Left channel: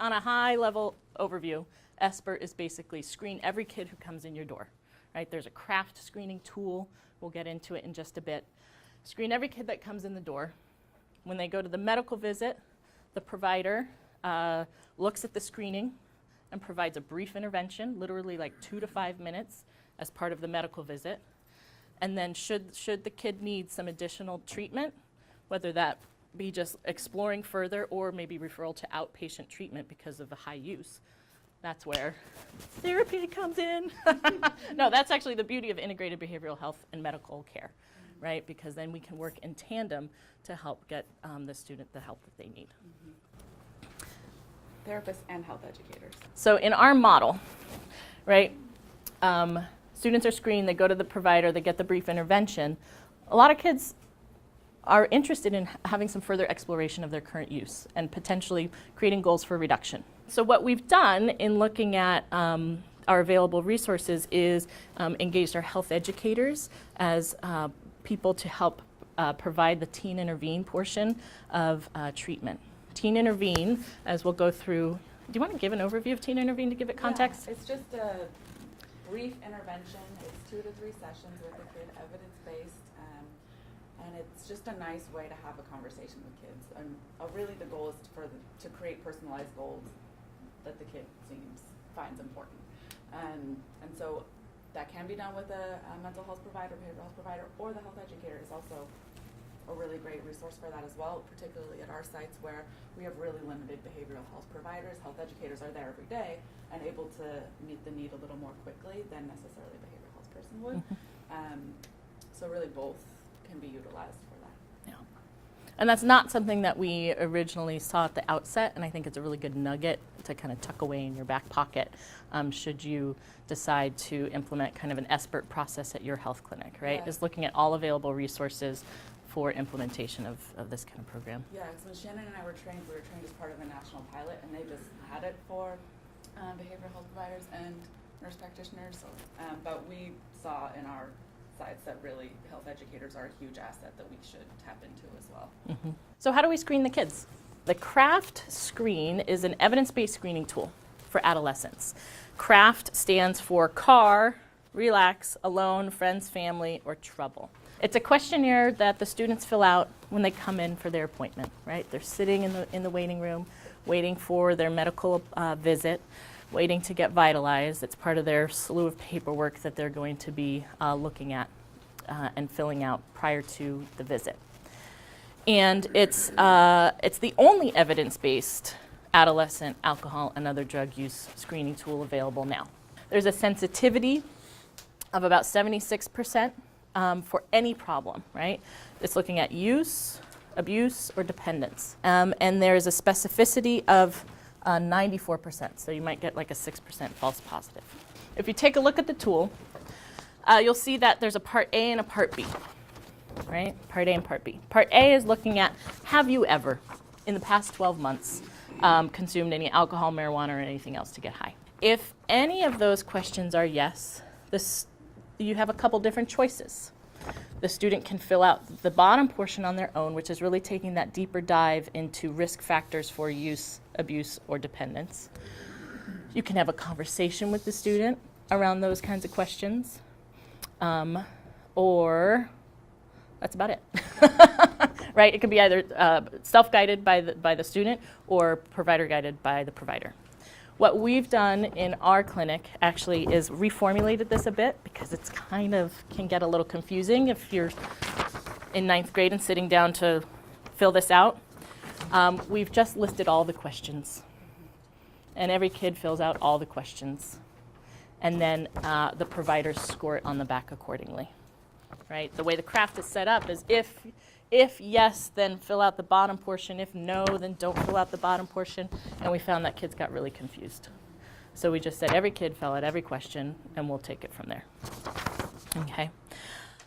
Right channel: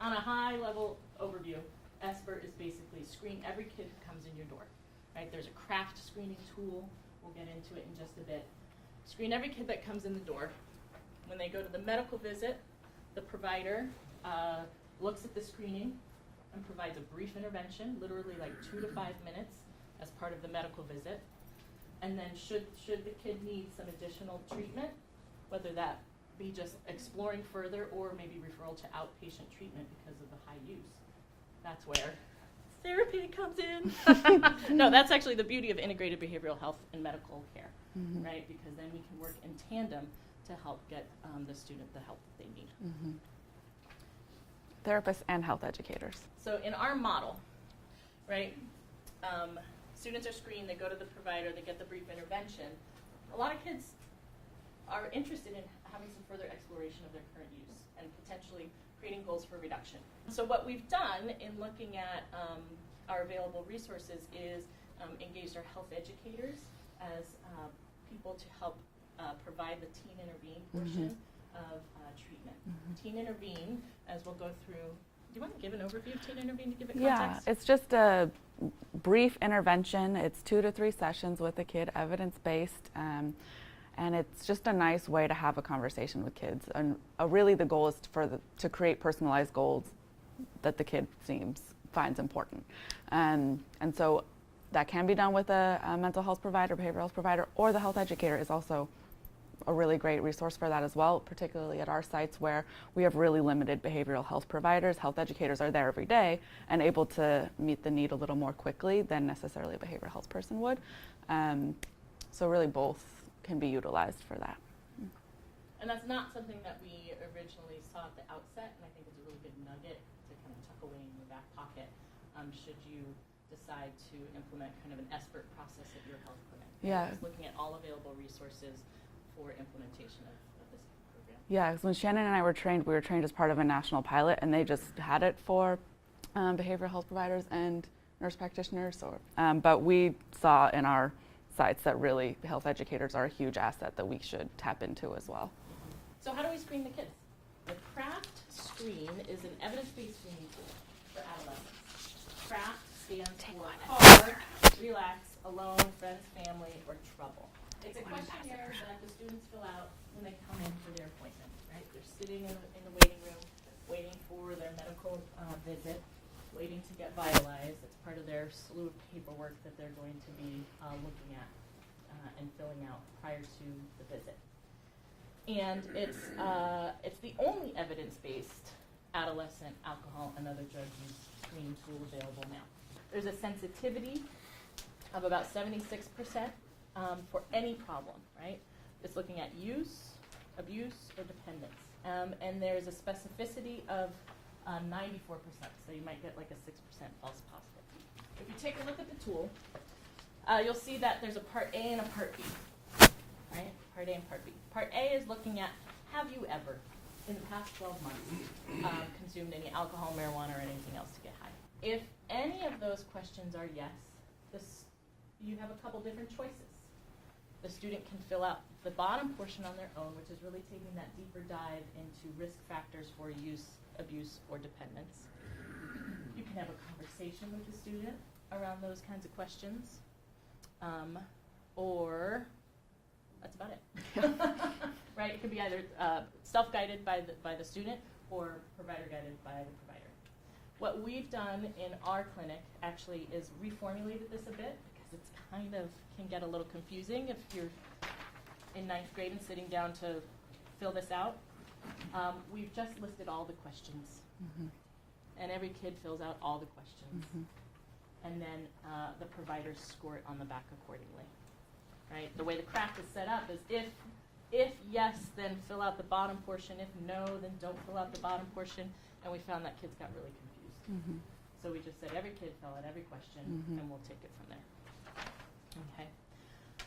on a high-level overview, SBIRT is basically screen every kid who comes in your door. Right? There's a craft screening tool. We'll get into it in just a bit. Screen every kid that comes in the door. When they go to the medical visit, the provider looks at the screening and provides a brief intervention, literally like 2 to 5 minutes as part of the medical visit. And then should the kid need some additional treatment, whether that be just exploring further or maybe referral to outpatient treatment because of the high use, that's where therapy comes in. No, that's actually the beauty of integrated behavioral health and medical care, right? Because then we can work in tandem to help get the student the help that they need. Therapists and health educators. So in our model, right, students are screened, they go to the provider, they get the brief intervention. A lot of kids are interested in having some further exploration of their current use and potentially creating goals for reduction. So what we've done in looking at our available resources is engaged our health educators as people to help provide the Teen Intervene portion of treatment. Teen Intervene, as we'll go through, do you want to give an overview of Teen Intervene to give it context? Yeah, it's just a brief intervention. It's 2 to 3 sessions with a kid, evidence-based, and it's just a nice way to have a conversation with kids. And really the goal is to create personalized goals that the kid finds important. And so that can be done with a mental health provider, behavioral health provider, or the health educator is also a really great resource for that as well, particularly at our sites where we have really limited behavioral health providers. Health educators are there every day and able to meet the need a little more quickly than necessarily a behavioral health person would. So really both can be utilized for that. Yeah. And that's not something that we originally saw at the outset, and I think it's a really good nugget to kind of tuck away in your back pocket should you decide to implement kind of an SBIRT process at your health clinic, right? Yeah. Just looking at all available resources for implementation of this kind of program. Yeah, because when Shannon and I were trained, we were trained as part of a national pilot, and they just had it for behavioral health providers and nurse practitioners. But we saw in our sites that really health educators are a huge asset that we should tap into as well. So how do we screen the kids? The CRAFT screen is an evidence-based screening tool for adolescents. CRAFT stands for car, relax, alone, friends, family, or trouble. It's a questionnaire that the students fill out when they come in for their appointment, right? They're sitting in the waiting room, waiting for their medical visit, waiting to get vitalized. It's part of their slew of paperwork that they're going to be looking at and filling out prior to the visit. And it's the only evidence-based adolescent alcohol and other drug use screening tool available now. There's a sensitivity of about 76%. For any problem, right? It's looking at use, abuse, or dependence. And there's a specificity of 94%, so you might get like a 6% false positive. If you take a look at the tool, you'll see that there's a Part A and a Part B, right? Part A and Part B. Part A is looking at, have you ever, in the past 12 months, consumed any alcohol, marijuana, or anything else to get high? If any of those questions are yes, you have a couple different choices. The student can fill out the bottom portion on their own, which is really taking that deeper dive into risk factors for use, abuse, or dependence. You can have a conversation with the student around those kinds of questions, or that's about it. Right? It could be either self-guided by the student or provider-guided by the provider. What we've done in our clinic actually is reformulated this a bit because it's kind of can get a little confusing if you're in 9th grade and sitting down to fill this out. We've just listed all the questions. And every kid fills out all the questions. And then the providers score it on the back accordingly. Right? The way the CRAFT is set up is if yes, then fill out the bottom portion. If no, then don't fill out the bottom portion. And we found that kids got really confused. So we just said every kid fill out every question, and we'll take it from there. Okay.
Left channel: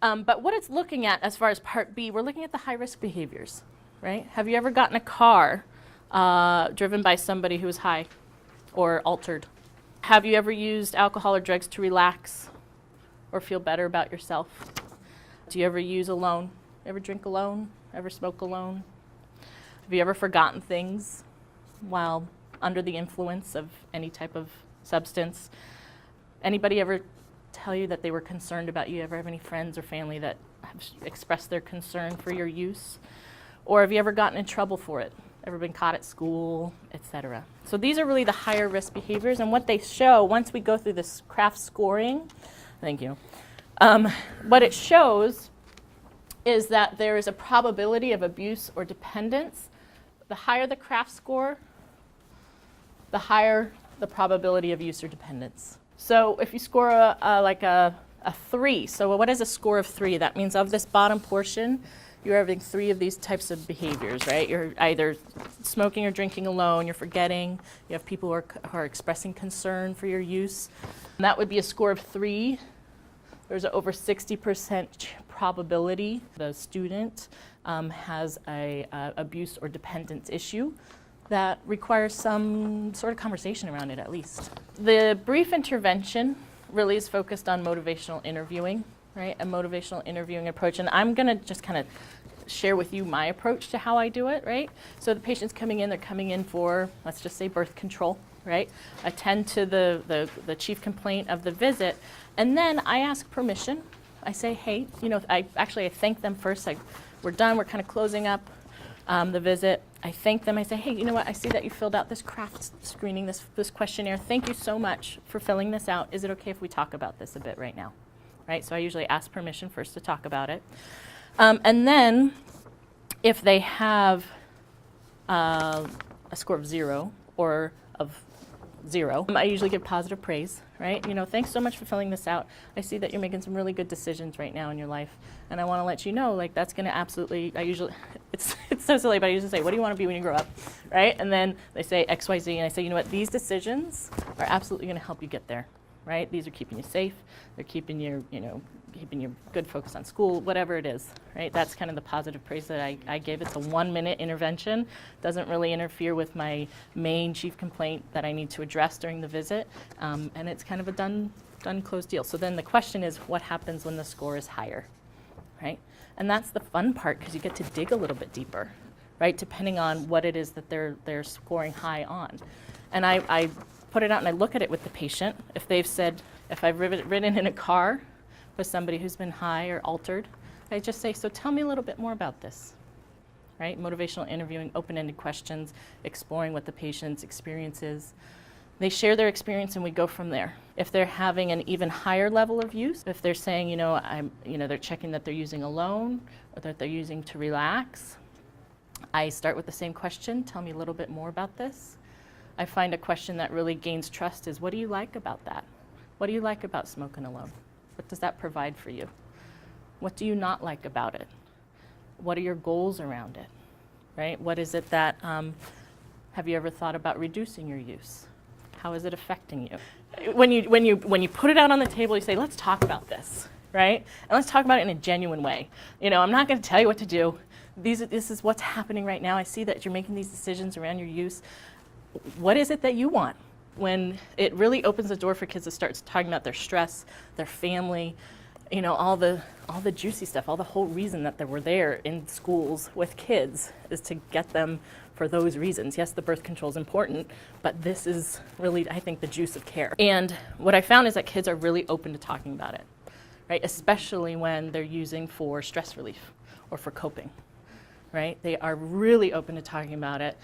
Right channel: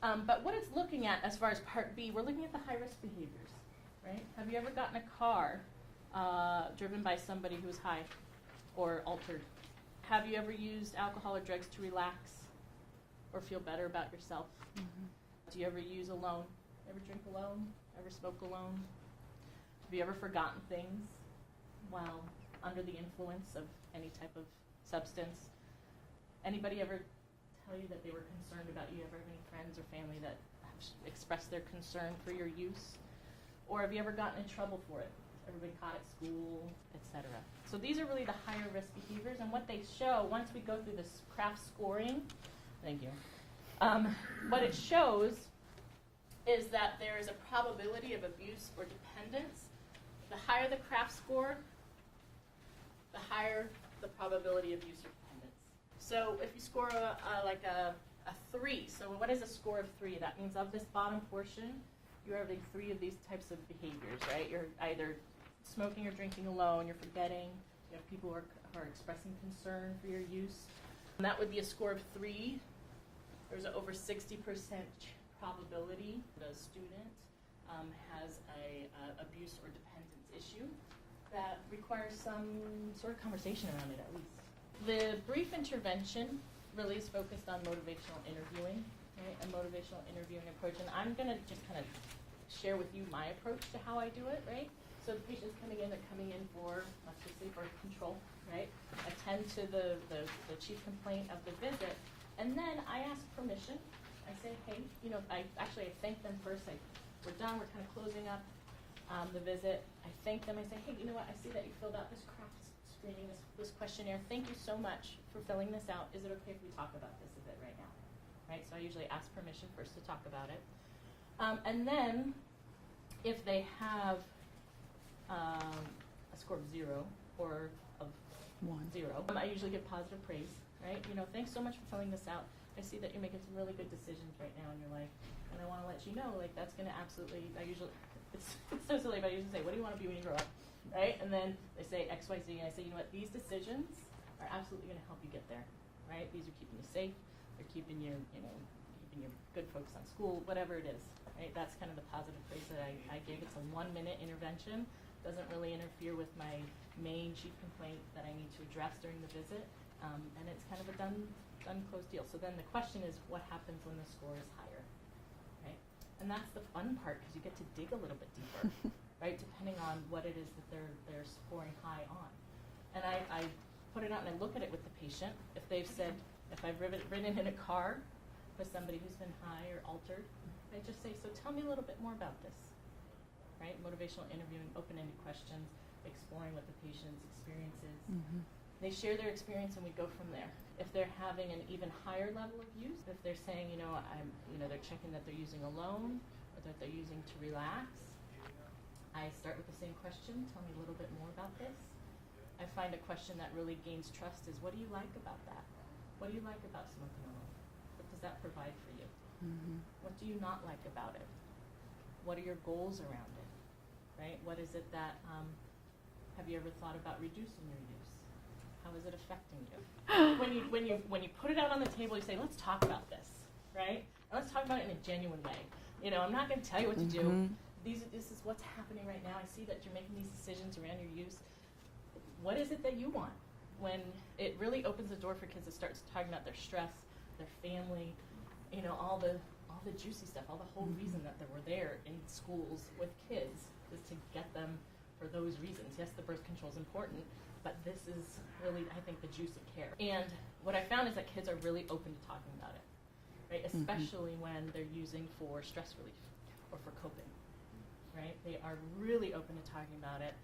But what it's looking at as far as Part B, we're looking at the high-risk behaviors, right? Have you ever gotten a car driven by somebody who is high or altered? Have you ever used alcohol or drugs to relax or feel better about yourself? Do you ever use alone? Ever drink alone? Ever smoke alone? Have you ever forgotten things while under the influence of any type of substance. Anybody ever tell you that they were concerned about you? Ever have any friends or family that have expressed their concern for your use? Or have you ever gotten in trouble for it? Ever been caught at school, etc.? So these are really the higher risk behaviors, and what they show once we go through this craft scoring, thank you, what it shows is that there is a probability of abuse or dependence. The higher the craft score, the higher the probability of use or dependence. So if you score a 3, so what is a score of 3? That means of this bottom portion, you're having 3 of these types of behaviors, right? You're either smoking or drinking alone, you're forgetting, you have people who are expressing concern for your use. And that would be a score of 3. There's an over 60% probability the student has a abuse or dependence issue that requires some sort of conversation around it at least. The brief intervention really is focused on motivational interviewing, right? A motivational interviewing approach. And I'm going to just kind of share with you my approach to how I do it, right? So the patient's coming in, they're coming in for, let's just say, birth control, right? Attend to the chief complaint of the visit. And then I ask permission. I say, hey, you know, I thank them first. We're done, we're kind of closing up the visit. I thank them. I say, hey, you know what? I see that you filled out this craft screening, this questionnaire. Thank you so much for filling this out. Is it okay if we talk about this a bit right now? Right? So I usually ask permission first to talk about it. And then if they have a score of 0 or of 0, I usually give positive praise, right? You know, thanks so much for filling this out. I see that you're making some really good decisions right now in your life. And I want to let you know, like, that's going to absolutely, it's so silly, but I usually say, what do you want to be when you grow up, right? And then they say X, Y, Z, and I say, you know what, these decisions are absolutely going to help you get there, right? These are keeping you safe. They're keeping you, keeping you good focus on school, whatever it is, right? That's kind of the positive praise that I give. It's a 1-minute intervention. Doesn't really interfere with my main chief complaint that I need to address during the visit. And it's kind of a done, closed deal. So then the question is, what happens when the score is higher, right? And that's the fun part, because you get to dig a little bit deeper, right? Depending on what it is that they're scoring high on. And I put it out and I look at it with the patient. If they've said, if I've ridden in a car with somebody who's been high or altered, I just say, so tell me a little bit more about this, right? Motivational interviewing, open-ended questions, exploring what the patient's experience is. Mm-hmm. They share their experience and we go from there. If they're having an even higher level of use, if they're saying, they're checking that they're using alone or that they're using to relax, I start with the same question, tell me a little bit more about this. I find a question that really gains trust is, what do you like about that? What do you like about smoking alone? What does that provide for you? Mm-hmm. What do you not like about it? What are your goals around it, right? What is it that, have you ever thought about reducing your use? How is it affecting you? When you put it out on the table, you say, let's talk about this, right? And let's talk about it in a genuine way. I'm not going to tell you what to do. This is what's happening right now. I see that you're making these decisions around your use. What is it that you want? When it really opens the door for kids to start talking about their stress, their family, all the juicy stuff, all the whole reason that we're there in schools with kids is to get them for those reasons. Yes, the birth control is important, but this is really, I think, the juice of care. And what I found is that kids are really open to talking about it, right? Especially when they're using for stress relief or for coping, right? They are really open to talking about it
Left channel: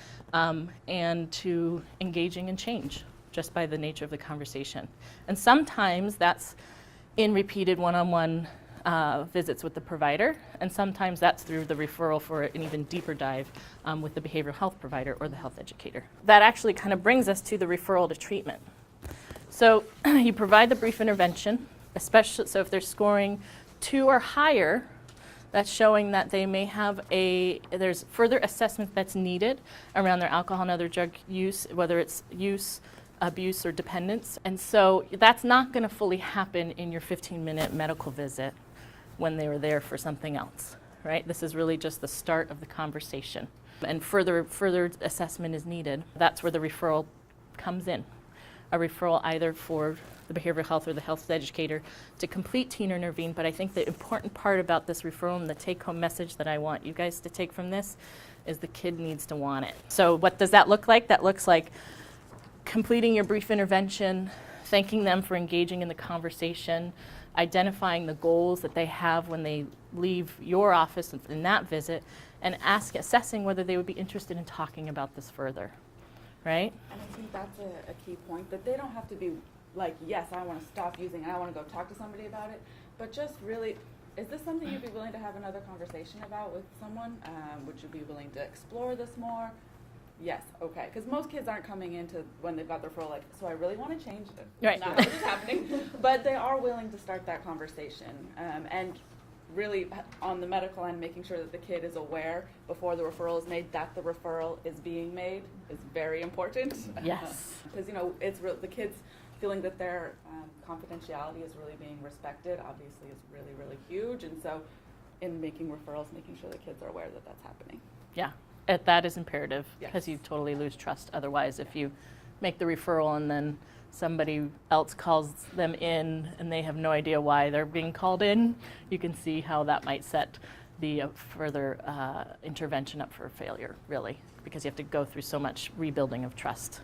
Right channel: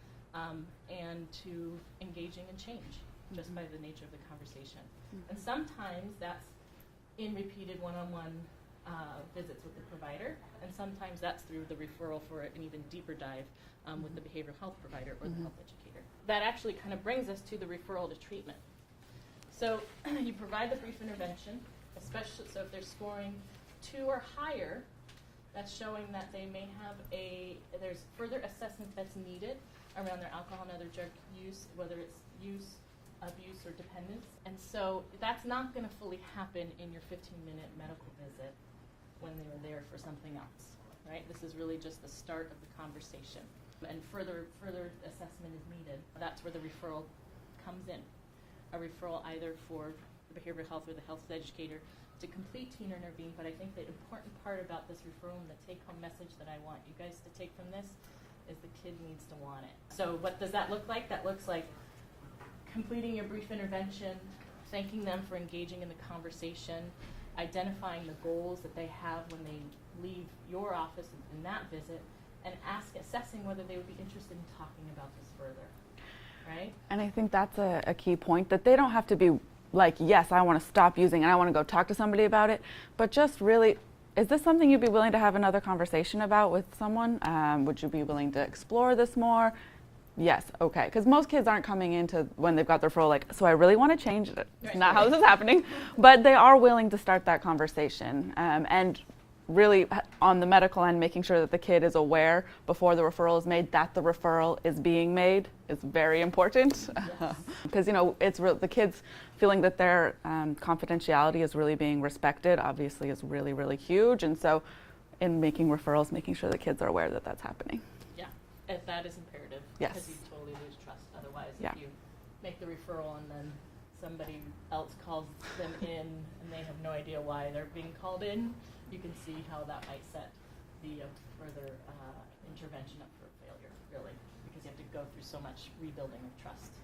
and to engaging in change just by the nature of the conversation. And sometimes that's in repeated one-on-one visits with the provider, and sometimes that's through the referral for an even deeper dive with the behavioral health provider or the health educator. That actually kind of brings us to the referral to treatment. So you provide the brief intervention, especially so if they're scoring 2 or higher, that's showing that they may have there's further assessment that's needed around their alcohol and other drug use, whether it's use, abuse, or dependence. And so that's not going to fully happen in your 15-minute medical visit when they were there for something else, right? This is really just the start of the conversation. And further assessment is needed. That's where the referral comes in. A referral either for the behavioral health or the health educator to complete teen intervene. But I think the important part about this referral and the take-home message that I want you guys to take from this is the kid needs to want it. So what does that look like? That looks like completing your brief intervention, thanking them for engaging in the conversation, identifying the goals that they have when they leave your office in that visit, and assessing whether they would be interested in talking about this further, right? And I think that's a key point, that they don't have to be like, yes, I want to stop using and I want to go talk to somebody about it, but just really, is this something you'd be willing to have another conversation about with someone? Would you be willing to explore this more? Yes, okay, because most kids aren't coming into when they've got their referral like, so I really want to change it. Right. Not how this is happening, but they are willing to start that conversation, and really on the medical end, making sure that the kid is aware before the referral is made that the referral is being made is very important. Yes. Because it's the kids feeling that their confidentiality is really being respected obviously is really, really huge, and so in making referrals, making sure the kids are aware that that's happening. Yeah, that is imperative, because Yes. you totally lose trust otherwise if Yeah. you make the referral and then somebody else calls them in and they have no idea why they're being called in. You can see how that might set the further intervention up for failure, really, because you have to go through so much rebuilding of trust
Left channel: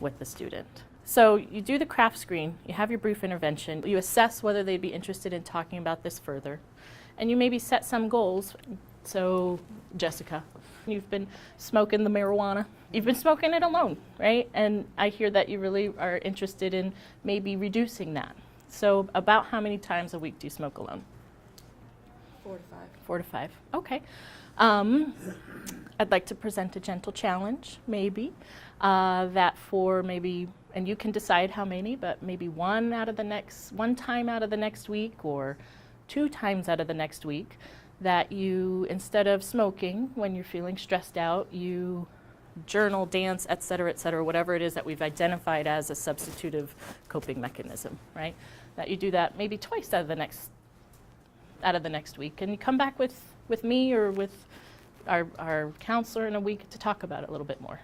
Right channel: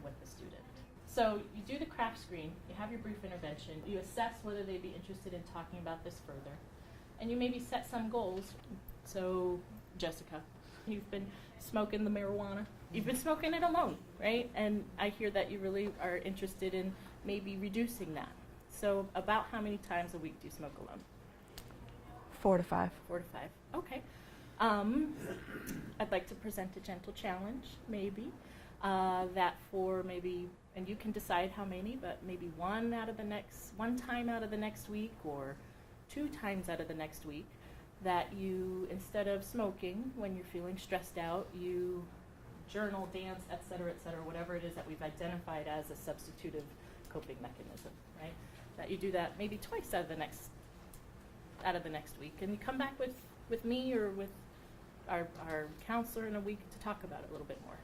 with the student. So you do the craft screen, you have your brief intervention, you assess whether they'd be interested in talking about this further, and you maybe set some goals. So, Jessica, you've been smoking the marijuana. You've been smoking it alone, right? And I hear that you really are interested in maybe reducing that. So about how many times a week do you smoke alone? 4 to 5. 4 to 5. Okay. I'd like to present a gentle challenge, maybe, that for maybe, and you can decide how many, but maybe one time out of the next week, or 2 times out of the next week, that you, instead of smoking when you're feeling stressed out, you journal, dance, et cetera, whatever it is that we've identified as a substitutive coping mechanism, right? That you do that maybe twice out of the next week, and you come back with me or with our counselor in a week to talk about it a little bit more.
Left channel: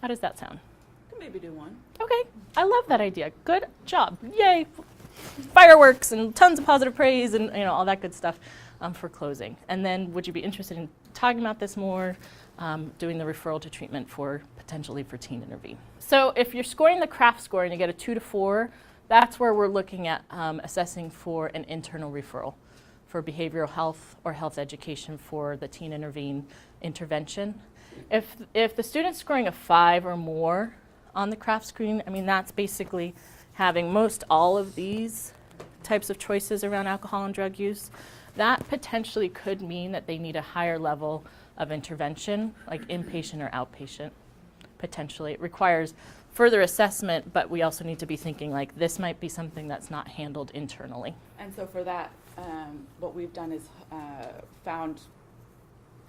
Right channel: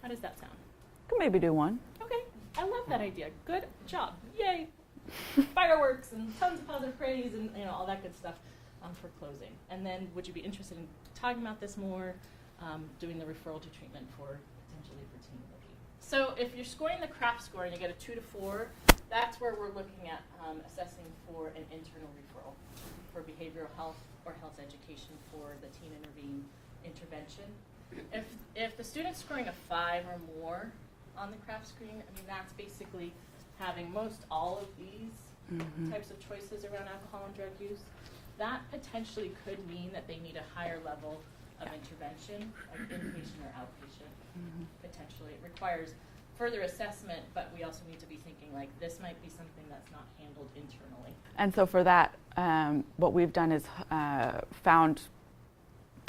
How does that sound? Could maybe do one. Okay, I love that idea. Good job. Yay. Fireworks and tons of positive praise and all that good stuff for closing. And then would you be interested in talking about this more, doing the referral to treatment potentially for teen intervene? So if you're scoring the craft score and you get a 2 to 4, that's where we're looking at assessing for an internal referral for behavioral health or health education for the teen intervene intervention. If the student's scoring a 5 or more on the craft screen, I mean, that's basically having most all of these types of choices around alcohol and drug use. That potentially could mean that they need a higher level of intervention, like inpatient or outpatient, potentially. It requires further assessment, but we also need to be thinking like this might be something that's not handled internally. And so for that, what we've done is found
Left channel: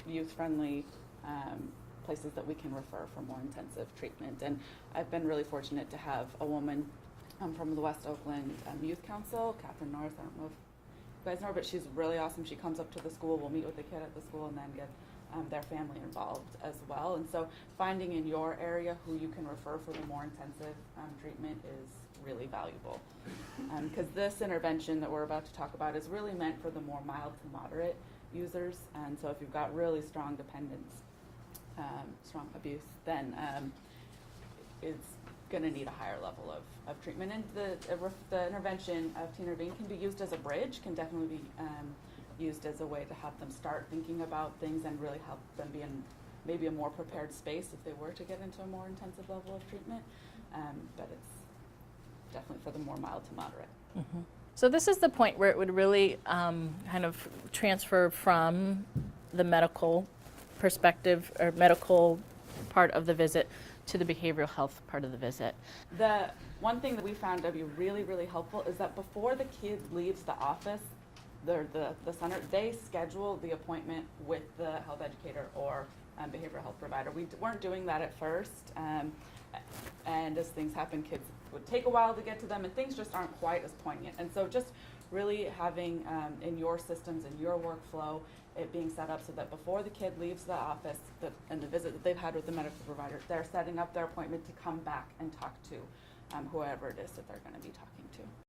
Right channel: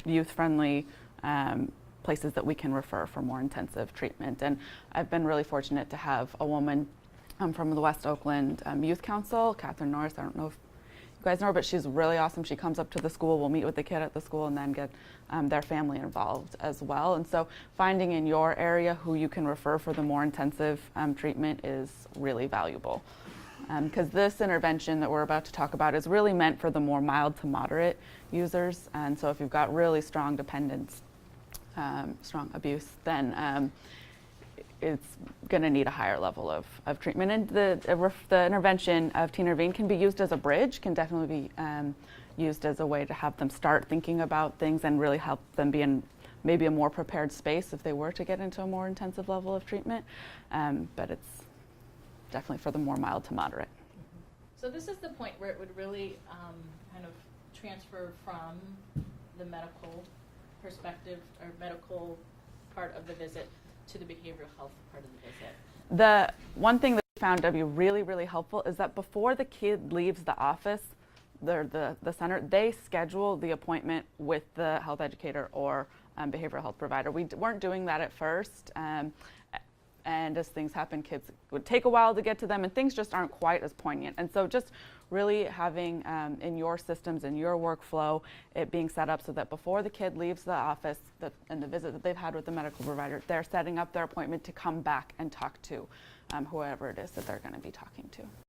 youth-friendly places that we can refer for more intensive treatment. And I've been really fortunate to have a woman from the West Oakland Youth Council, Catherine Norris. I don't know if you guys know her, but she's really awesome. She comes up to the school, we'll meet with the kid at the school, and then get their family involved as well. And so finding in your area who you can refer for the more intensive treatment is really valuable. Because this intervention that we're about to talk about is really meant for the more mild to moderate users. And so if you've got really strong dependence, strong abuse, then it's going to need a higher level of treatment. And the intervention of Teen Intervene can be used as a bridge, can definitely be used as a way to have them start thinking about things and really help them be in maybe a more prepared space if they were to get into a more intensive level of treatment. But it's definitely for the more mild to moderate. Mm-hmm. So this is the point where it would really kind of transfer from the medical perspective or medical part of the visit to the behavioral health part of the visit. The one thing that we found to be really, really helpful is that before the kid leaves the office, the center, they schedule the appointment with the health educator or behavioral health provider. We weren't doing that at first. And as things happen, kids would take a while to get to them, and things just aren't quite as poignant. And so just really having in your systems and your workflow it being set up so that before the kid leaves the office and the visit that they've had with the medical provider, they're setting up their appointment to come back and talk to whoever it is that they're going to be talking to.